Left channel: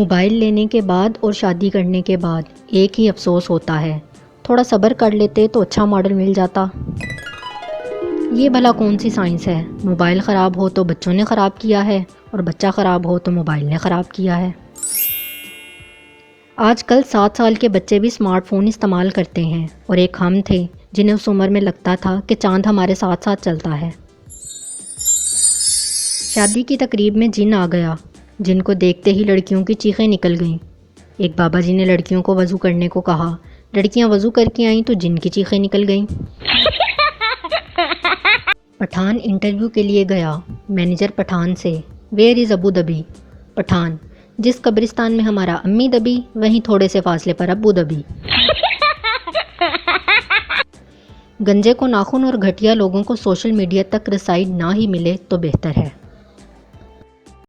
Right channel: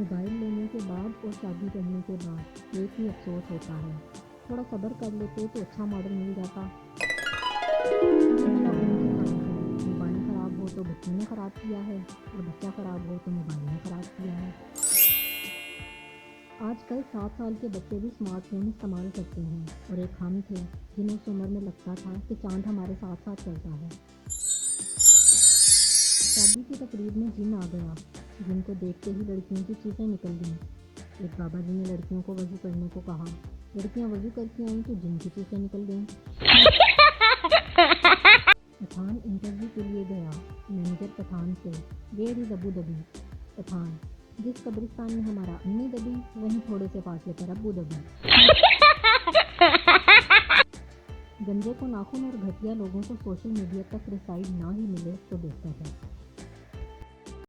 Mobile لینے کے بعد اور شادی کرنے کے بعد ایک ہی افسوس ہوتا ہے، تھوڑا صبر کر لیتے تو اچھا ماڈل مل جاتا۔ یہ بھلا کون سی سائنس ہے؟ موبائل خراب ہو تو بچوں نے خراب کیا ہے اور بچہ خراب ہو تو موبائل نے خراب کیا ہے۔ آج کل 7 سال کے بچے بھی اسمارٹ فون استعمال کرتے ہیں، اور ایک ہم تھے جنہیں اس عمر میں لگتا تھا کہ چاند ہمارے ساتھ ساتھ چلتا ہے۔ شادی کی تقریب میں جن آ گیا، جن کو دیکھتے ہی لڑکیوں کی چیخیں نکل گئیں۔ ایک بابا جی نے لڑکیوں کو وضو کرنے کو کہا، لڑکیاں وضو کر کے آئیں تو جن کی چیخیں نکل گئیں۔ پٹھان انٹرویو کے لیے گیا، مینیجر پٹھان سے، ویئر از ابو دبی؟ پٹھان، جس قبرستان میں ہمارا امی دبی وہیں تھوڑے سے فاصلے پر ابو دبی۔ گنجے کو ناخن اور گھٹیا لوگوں کو سوشل میڈیا تک رسائی نہ ہی ملے تو بہتر ہے۔